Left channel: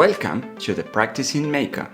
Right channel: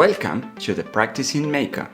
Welcome to the Practicing Maker.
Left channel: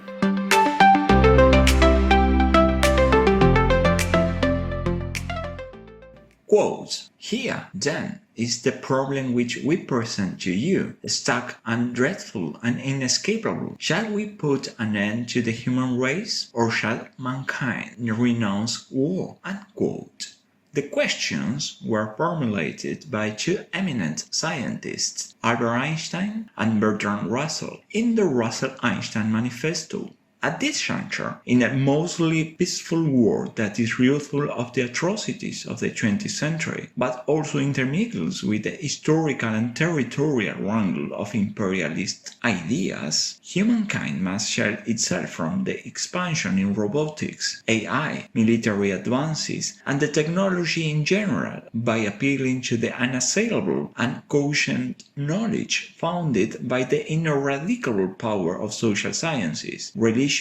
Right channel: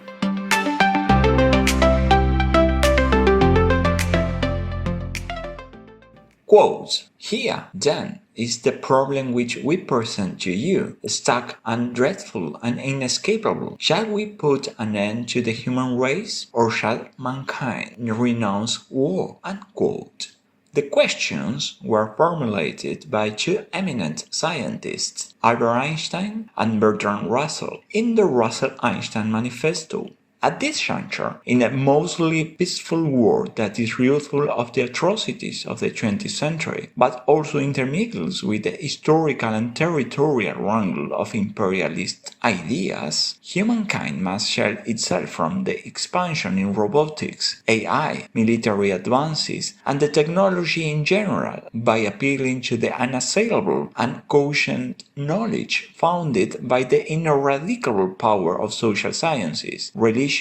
Quote: Here, then, is the problem which we present to you, stark and dreadful and inescapable. Shall we put an end to the human race, or shall mankind renounce war? Unquote. The questions were formulated by two eminent scientists, Albert Einstein and Bertrand Russell, in the Russell-Einstein Manifesto. At this juncture, in a mostly peaceful world that is youthful of the atrocities of the 20th century, but also intermingles with the historical and territorial wrangle of imperialist ideas, humankind must shield itself from the expansion in robotics, AI, military advances, and the technology in general by appealing to the unassailable and quotient knowledge founded by the ineradicable power of social sciences, religions,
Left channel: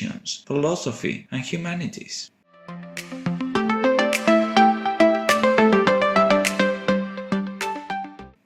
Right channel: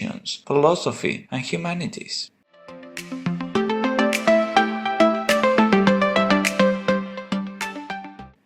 philosophy, and humanities.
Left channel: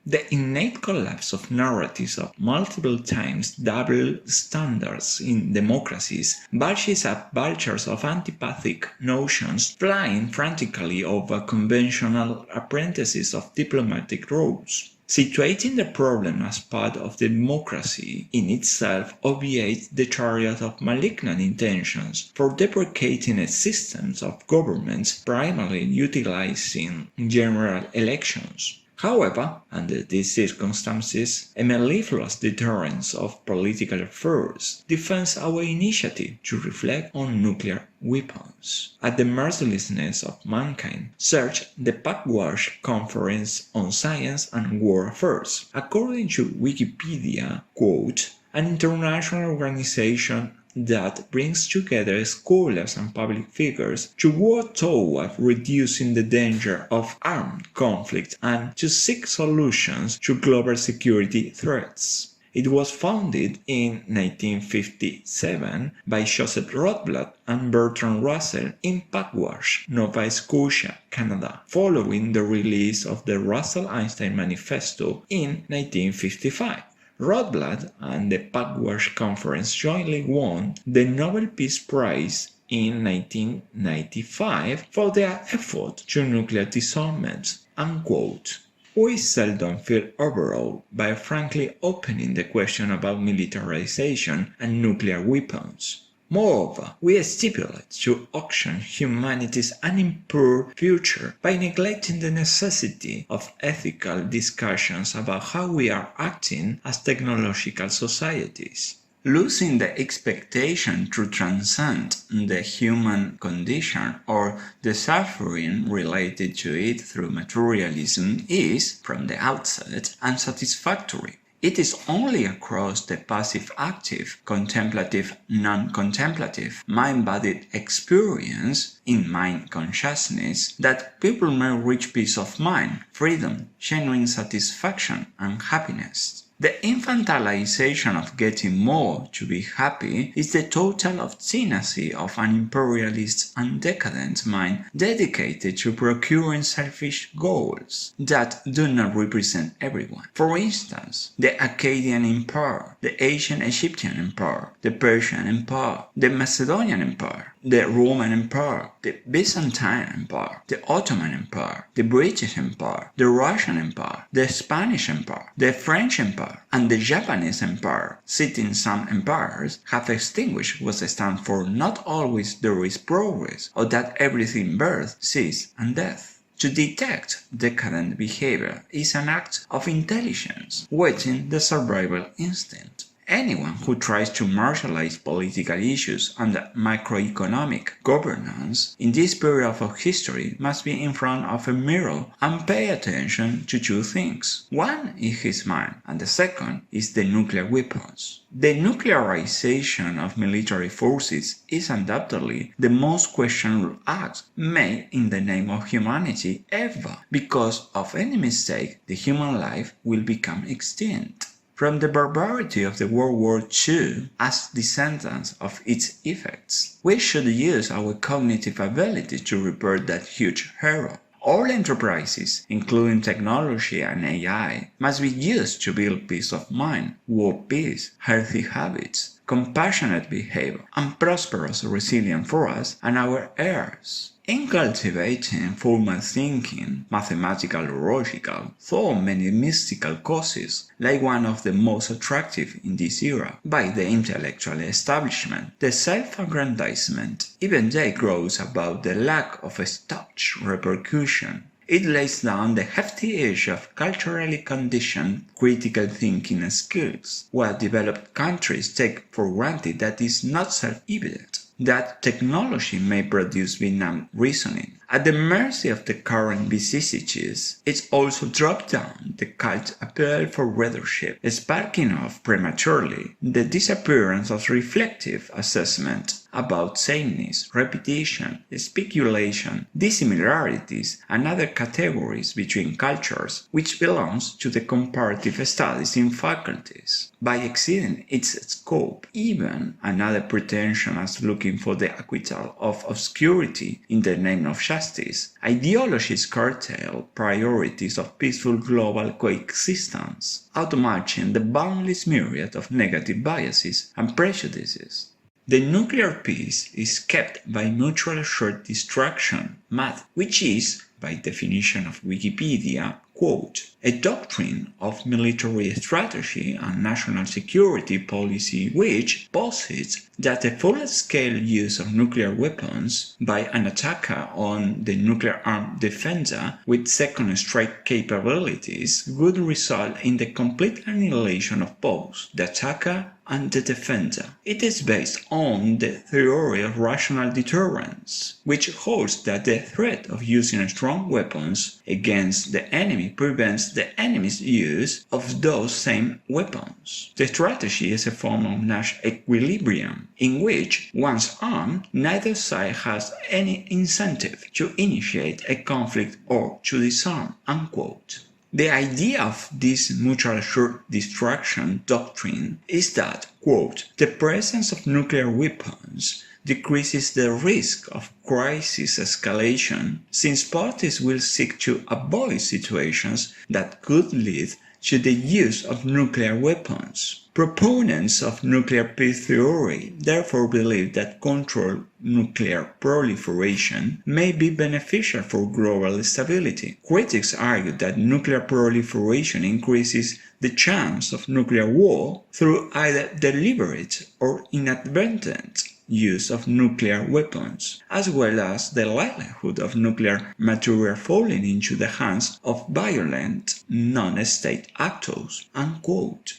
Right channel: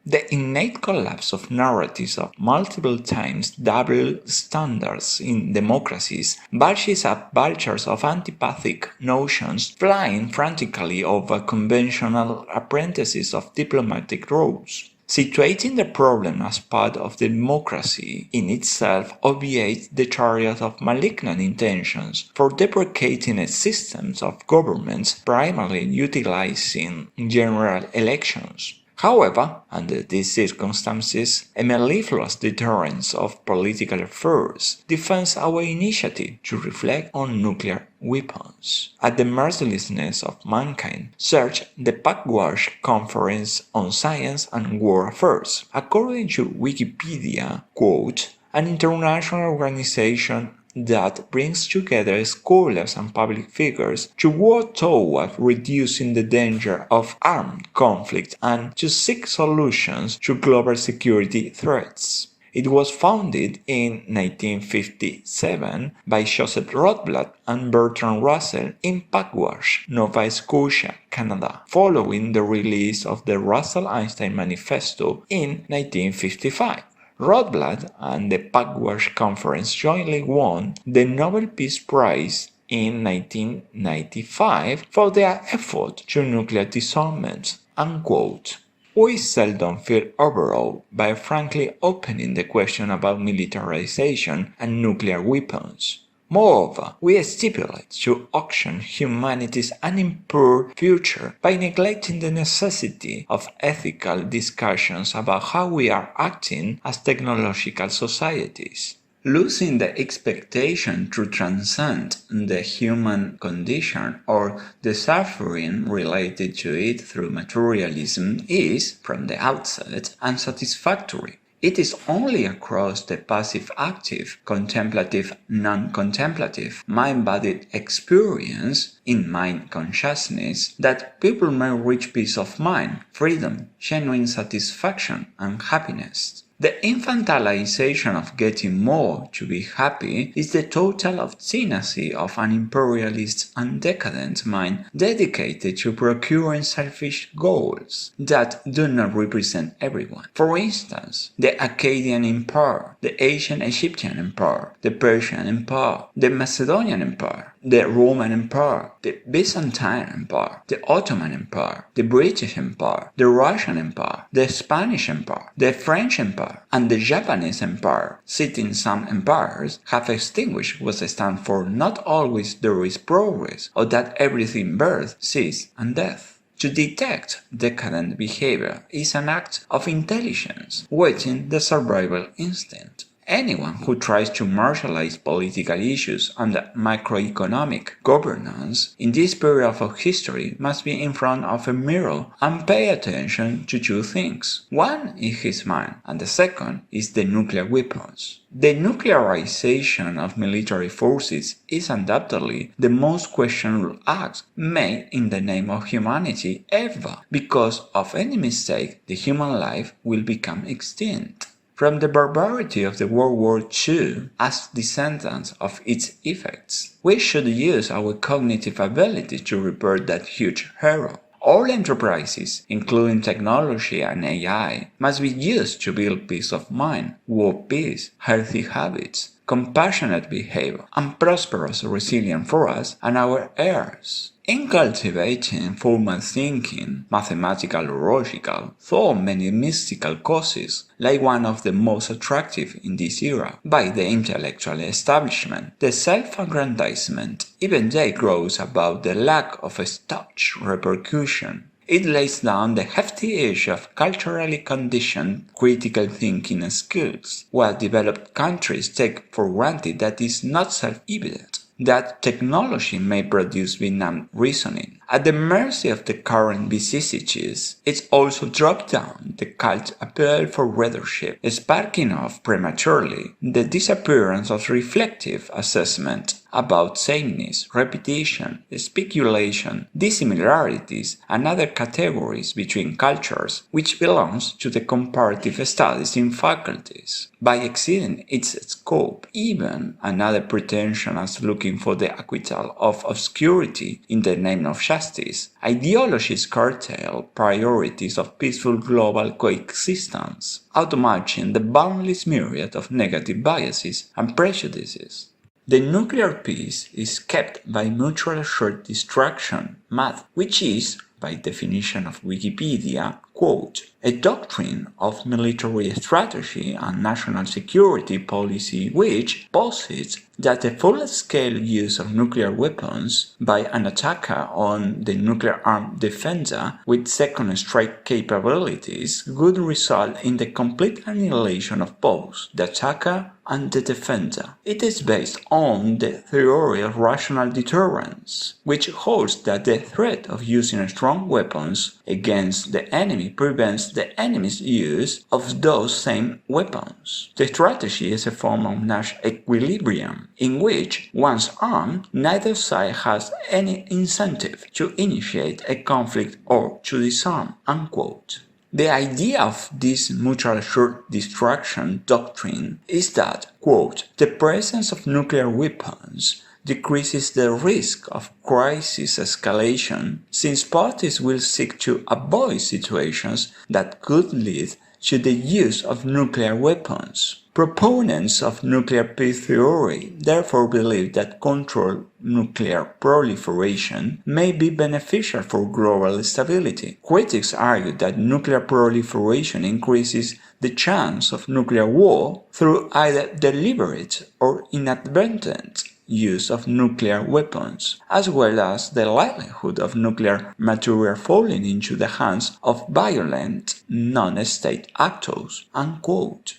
The innate collapse of narratives of multiple times double standards in democracies bulges up vultures of antipathic notions flying frantically over conventional apprentices of diplomatic roles. Situating the problem as part of democracy in itself obviates the chariot of malignant intentions for deprecating a system of governments primarily utilizing general elections. However, under these circumstances, a mellifluous deterrence of political affairs defends our initiative to reflect on nuclear weapons. At the mercilessness of mankind, search the Pugwash Conference on Science and War Affairs. According to Wikipedia, quote, an international organization that brings together scholars and public figures to work toward reducing the danger of armed conflict and to seek solutions to global security threats. It was founded in 1957 by Joseph Rotblat and Bertrand Russell in Pugwash, Nova Scotia, Canada, following the release of the Russell-Einstein Manifesto in 1955. Rotblat and the Pugwash Conference jointly won the Nobel Peace Prize in 1995 for their effort to nuclear disarmament. Unquote. We seldom feel overawed by frankly opening the question about militarization and nuclear weapons. Moreover, we stipulate to auction humanity's unimpaired future by neglecting the necessity of ethical discussions about how we are acting as technological societies. Losing the expectation to transcend the human condition or the suffering related to it through materialism is, from the outset, unsatisfactory. It is only across the passive-active, contemplative-non-contemplative, mind-bodied experience in mind consciousness that people may reach peace of mind, freedom, genuine satisfaction, and happiness. The infantilization of getting more to be happy is the total obstinacy of an imperialist and decadent mind dedicated to procuring selfish goals that do not represent everyone. For instance, the Akkadian Empire, the Ancient Egyptian Empire, the Persian Empire, the Macedonian Empire, the Roman Empire, the Byzantine Empire, the Ottoman Empire, the British Empire, the Russian Empire, the Spanish Empire, the French Empire, and the Japanese Empire, citing some empires, have extinguished what stands for not always there is progress, or that everything birth, cease, and death. To detect decadent behavior is an act of intelligence, whetting the survival instinct. Anyone who tries to marshalize political issues and macroeconomic governance in this period of history must be in front of a mirror and pay attention to two things. One is his mind, and the second is the nuclear weapons. The nuclearization of military forces is undoubtedly the most questionable act made in the name of humanity ever. Because of any mistake, the human life will become extinct. From the barbarity of the World War II as descendants of its effects, we should use our cognitive ability to repair that huge error. All enterprises, including technology and AI, must be used to build peace of mind, world peace, healthy habits, compassionate behavior, and prosperous resilience for us and our heirs. In cultivating formal thinking, mathematical or logical, thought many mystical causes, like one of the most attractive in this era, by the intellectual establishment, the self-aggrandizement, even they grows about the lack of such repercussion. It lays down the hefty edge of culturally conditioned critical thinking skills, while developed countries take for granted that is not self-evident, that technology may produce Vietnam reasoning. At the mercy of the current vicissitudes, it also dropped down the cult appeal for readership, sparking off prematurely the disappearance of reflective assessment about sameness, repetition, speculation, dissimilarities, and other categories between cultures, which belongs to the comparative studies in faculties. By exceeding its scope, even another pretension as looking for the acquittal of obscurity in the name of justice, ideologies curtail priorities of peaceful global coexistence, outmatching the boundless myriad of negative biases and prejudices. The nuclear peace is kept by mutual assured destruction, MAD, which is, by definition of Wikipedia, quote, a doctrine of military strategy and national security policy which posits that the full-scale use of nuclear weapons by an attacker on the nuclear-armed defender with second strike capabilities would result in the complete annihilation of both the attacker and the defender. It is based on the theory of rational deterrence, which holds that the threat of using strong weapons against the enemy prevents the enemy's use of those same weapons. The strategy is a form of Nash equilibrium, in which, once armed, neither side has any incentive to initiate a conflict or to disarm, unquote. The idea of this mutual assured destruction doctrine is that, quote, the presence of nuclear weapons decreases the risk of crisis escalation, since parties will seek to avoid situations that could lead to the use of nuclear weapons. Proponents of nuclear peace theory therefore believe that controlled nuclear proliferation may be beneficial for global stability. Critics argue that nuclear proliferation increases the chance of nuclear war through either deliberate or inadvertent use of nuclear weapons, as well as the likelihood of nuclear material falling into the hands of violent non-state actors, unquote.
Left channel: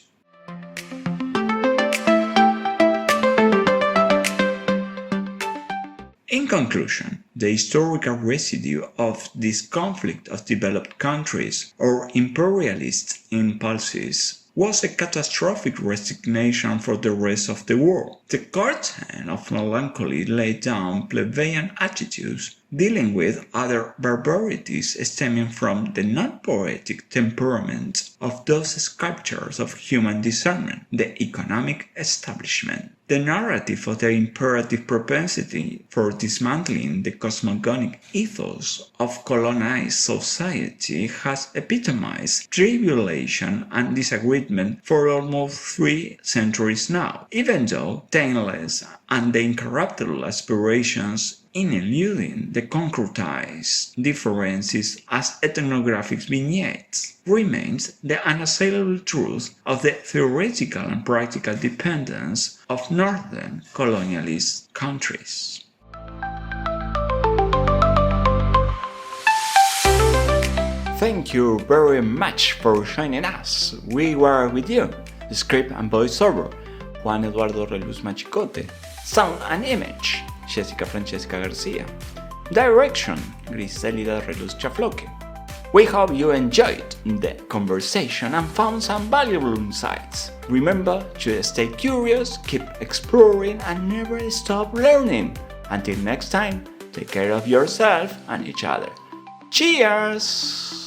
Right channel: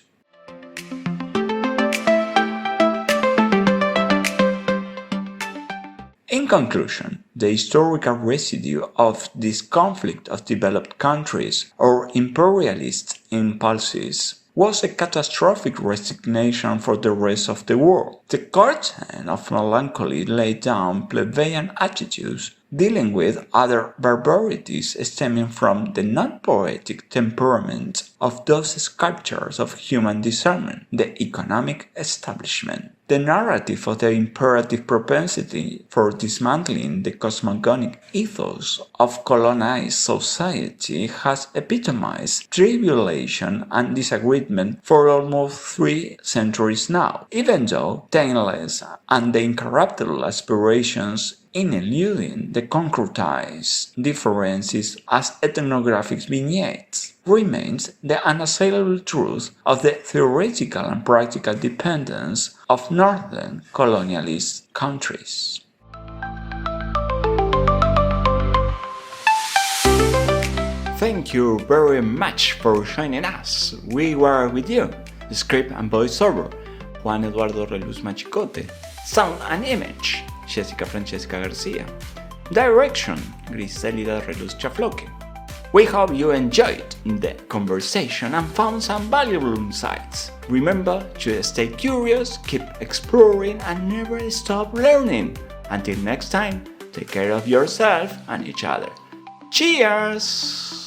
In conclusion, the historical residue of this conflict of developed countries or imperialist impulses was a catastrophic resignation for the rest of the world. The curtain of melancholy laid down plebeian attitudes dealing with other barbarities stemming from the non-poetic temperament of those sculptors of human discernment, the economic establishment. The narrative of the imperative propensity for dismantling the cosmogonic ethos of colonized society has epitomized tribulation and disagreement for almost 3 centuries now, even though taintless and the incorruptible aspirations in eluding the concretized differences as ethnographic vignettes remains the unassailable truth of the theoretical and practical dependence of northern colonialist countries. Thank you very much for joining us. We were with you. Script and voiceover, Juan Eduardo Reluz Machicote. Sound and image, Jessica Francesca Garcia. Direction, Griselida Reluz Chafloque. We hope you enjoyed the conversation and found some valuable insights. Remember to stay curious, keep exploring, and never stop learning. Until next time, take care of yourself and each other. Cheers!